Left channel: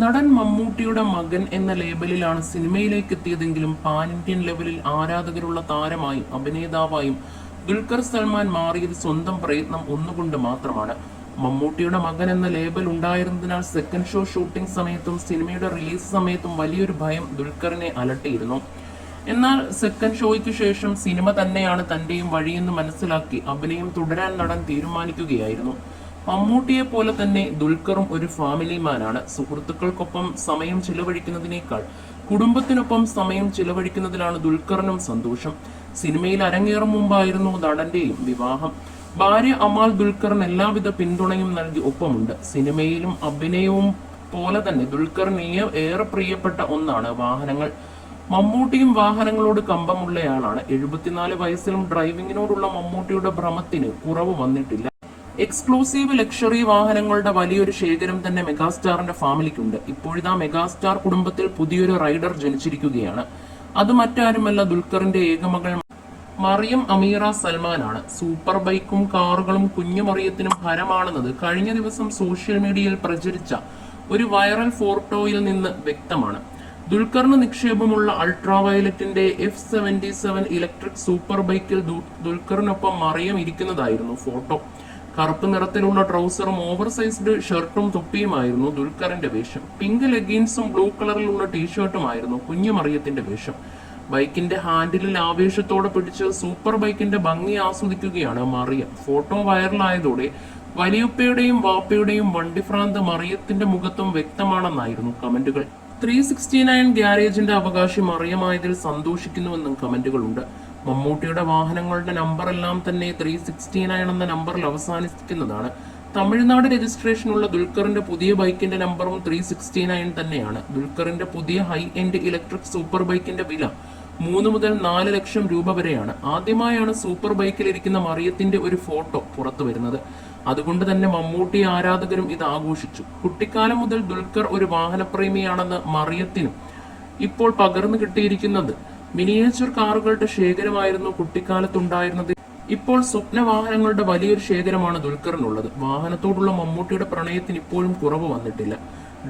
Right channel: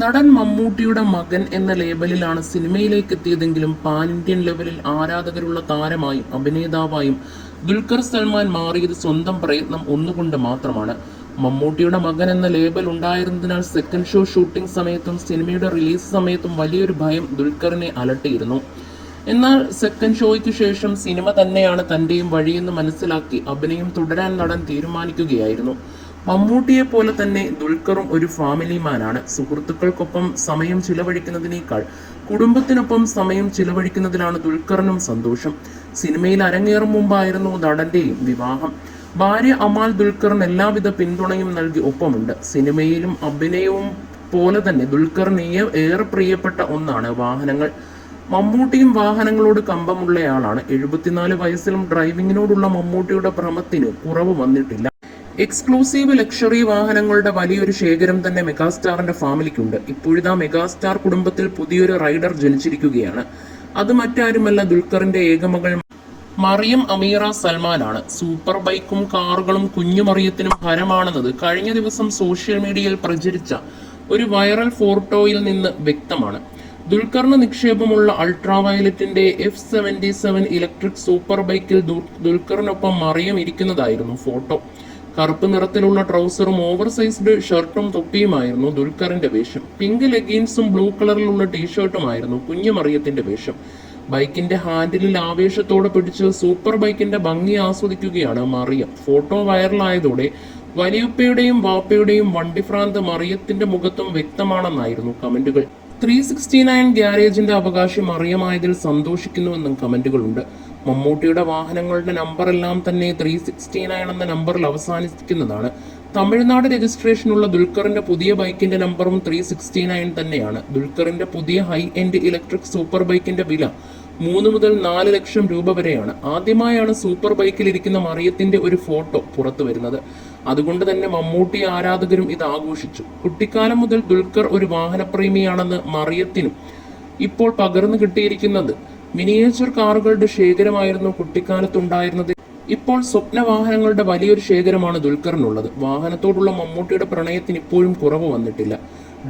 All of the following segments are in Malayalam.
നടൻ മമ്മൂട്ടിയുടെ മകൻ എന്ന ലേബലിലാണ് സിനിമയിലേക്ക് എത്തിയതെങ്കിലും പാൻ ഇന്ത്യൻ ലെവലിൽ ആരാധകരുള്ള താരമായും അഭിനേതാവായും ദുൽഖർ സൽമാൻ മാറിയത് സ്വന്തം പ്രയത്നം ഒന്നുകൊണ്ട് മാത്രമാണ്. മമ്മൂട്ടിയുടെ മകൻ എന്ന ലേബൽ ഉണ്ടായിരുന്നതിനാൽ സെക്കൻഡ് ഷോ ഷൂട്ടിംഗ് സമയത്തും സിനിമയുടെ റിലീസ് സമയത്തും വലിയൊരു ഭയം ദുൽഖറിനെ അലട്ടിയിരുന്നു. എന്നാൽ സെക്കൻഡ് ഷോയ്ക്ക് ശേഷം സിനിമ തന്നെയാണ് തന്റെയും വഴിയെന്ന് മനസ്സിലാക്കി അഭിനയം തുടരാൻ നടൻ തീരുമാനിക്കുകയായിരുന്നു. മമ്മൂട്ടിയെ പോലെ തന്നെ ദുൽഖറും ഒരു ഫാമിലി മാനാണ്. സുഹൃത്തുക്കൾക്കൊപ്പം സമയം ചിലവഴിക്കുന്നതിനേക്കാൾ കുടുംബത്തിനൊപ്പം സമയം ചിലവഴിക്കുന്നതിലാണ് ദുൽഖറിനും സന്തോഷം. സിനിമയിൽ അരങ്ങേറും മുമ്പായിരുന്നു നടന്റെയും വിവാഹം. ഭാര്യ അമാൽ ദുൽഖറിന് എല്ലാവിധ പിന്തുണയും നൽകി ഒപ്പമുണ്ട്. സിനിമയിലും അഭിനയവും പോലെ തന്നെ ദുൽഖറിന് ഏറെ പ്രിയപ്പെട്ട ഒന്നാണ് വാഹനങ്ങൾ. മമ്മൂട്ടിയും വാഹനങ്ങളോട് കമ്പമുള്ളയാളാണ്. 74 വയസ്സിലും ഡ്രൈവിങ്ങിനോടുള്ള മമ്മൂട്ടിയുടെ ഭ്രമത്തിന് കുറവ് വന്നിട്ടില്ല. എക്സ്ക്ലൂസീവ് ലക്ഷറി വാഹനങ്ങളുടെ വലിയൊരു ശേഖരം തന്നെ മെഗാസ്റ്റാറിന്റെ ഫാമിലിക്കുണ്ട്. ഇപ്പോഴിതാ മെഗാസ്റ്റാർ കുടുംബത്തിൽ പുതിയൊരു റൈഡർ ജനിച്ചിരിക്കുകയാണ്. അത് മറ്റാരുമല്ല, ദുൽഖറിന്റെ ഏകമകൾ മറിയം അമീറ സൽമാനാണ്. സൂപ്പർ ബൈക്കും കാറുകളും കുഞ്ഞു മറിയത്തിനും ഹരമാണെന്നത് കഴിഞ്ഞ ദിവസം സോഷ്യൽ മീഡിയയിൽ പ്രചരിച്ച ഒരു വൈറൽ ഫോട്ടോയിൽ നിന്ന് വ്യക്തമാണ്. ദുൽഖറിന് നിക്ഷേപമുള്ള അൾട്രാ വയലറ്റിന്റെ F77 ഇലക്ട്രിക് സൂപ്പർ ബൈക്കിൽ ദുൽഖറിനൊപ്പം മറിയം ഇരിക്കുന്നതായിരുന്നു ഫോട്ടോ. കറുപ്പ് നിറത്തിലുള്ള ട്രൗസറും ഓവർ സൈസ്ഡ് ഷർട്ടും തൊപ്പിയുമായിരുന്നു ദുൽഖറിന്റെ വേഷം. പിങ്ക് ലെഗിൻസും ബ്ലൂ കളറിലുള്ള ടീഷർട്ടുമായിരുന്നു കുഞ്ഞു മറിയത്തിന്റെ വേഷം. ബൈക്കിന്റെ ഹാൻഡിലിൽ ആവേശത്തോടെ പിടിച്ച് സൂപ്പർ ബൈക്കിന്റെ ഭംഗി ആസ്വദിക്കുകയാണ് മറിയം. ഫോട്ടോ വൈറലായതോടെ വലിയപ്പയുടെയും വാപ്പയുടെയും വണ്ടിഭ്രാന്ത് മറിയത്തിന്റെ മുഖത്തും വ്യക്തമാണെന്നായിരുന്നു കമന്റുകൾ. 369 ഗ്യാരേജിന്റെ അവകാശി മറിയമായതിൽ സന്തോഷിക്കുന്നുവെന്നും കമന്റുകളുണ്ട്. മമ്മൂട്ടിയുടെ വാഹനങ്ങളുടെ നമ്പറെല്ലാം തന്നെ 369 എന്ന നമ്പറിൽ അവസാനിക്കുന്നതാണ്. തമിഴ്നാട് രജിസ്ട്രേഷനുള്ള ദുൽഖറിന്റെ പുതിയ ബൈക്കിന്റെ നമ്പറും 369 തന്നെയാണ്. ദുൽഖറിന്റെ പുതിയ ഹൈ എൻഡ് ഇലക്ട്രിക് സൂപ്പർ ബൈക്കിന്റെ വില 3 മുതൽ 4 ലക്ഷം രൂപ വരെയാണ്. ആദ്യമായാണ് സൂപ്പർ ബൈക്കിൽ ഇരിക്കുന്ന മറിയത്തിന്റെ ഒരു ഫോട്ടോ പുറത്തു വരുന്നത്. അതുകൊണ്ട് തന്നെ മമ്മൂട്ടി ആരാധകരും ഇത് ആഘോഷിച്ചു. കുട്ടിക്കാലം മുതൽ ദുൽഖർ ഒരു വാഹനപ്രേമിയാണെന്ന് മറിയത്തിനും ഇപ്പോൾ പകർന്നു കിട്ടിയിരിക്കുന്നത് മിനിയേച്ചർ കാറുകളുടെ ശേഖരമായിരുന്നു കുട്ടിക്കാലത്തുണ്ടായിരുന്നത്. ഇപ്പോൾ സ്വപ്ന വാഹനങ്ങളുടെ വലിയൊരു ശേഖരമാണ് ദുൽഖറിനുള്ളത്. വാഹനത്തോടുള്ള മമ്മൂട്ടിയുടെ പ്രണയത്തിന് ഇപ്പോഴും കുറവ് വന്നിട്ടില്ല.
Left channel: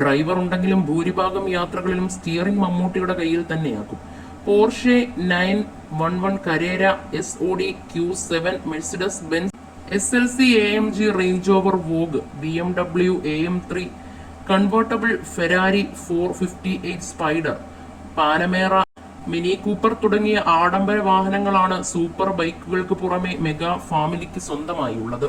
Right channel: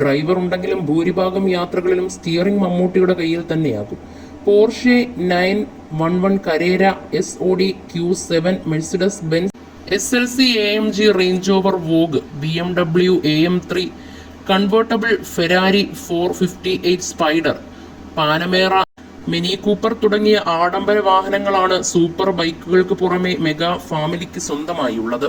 ഡ്രൈവർ ഉണ്ടെങ്കിലും ഭൂരിഭാഗം യാത്രകളിലും സ്റ്റിയറിംഗ് മമ്മൂട്ടിയുടെ കയ്യിൽ തന്നെയാകും. Porsche 911 Carrera, SOD Q7, Mercedes Benz SLC AMG Range Rover Vogue, BMW AM3 convertible, Ferrari 458 Spider, Panamera, Mini Cooper തുടങ്ങിയ ആഡംബര വാഹനങ്ങളാണ് സൂപ്പർ ബൈക്കുകൾക്ക് പുറമെ മെഗാ ഫാമിലിക്ക് സ്വന്തമായുള്ളത്.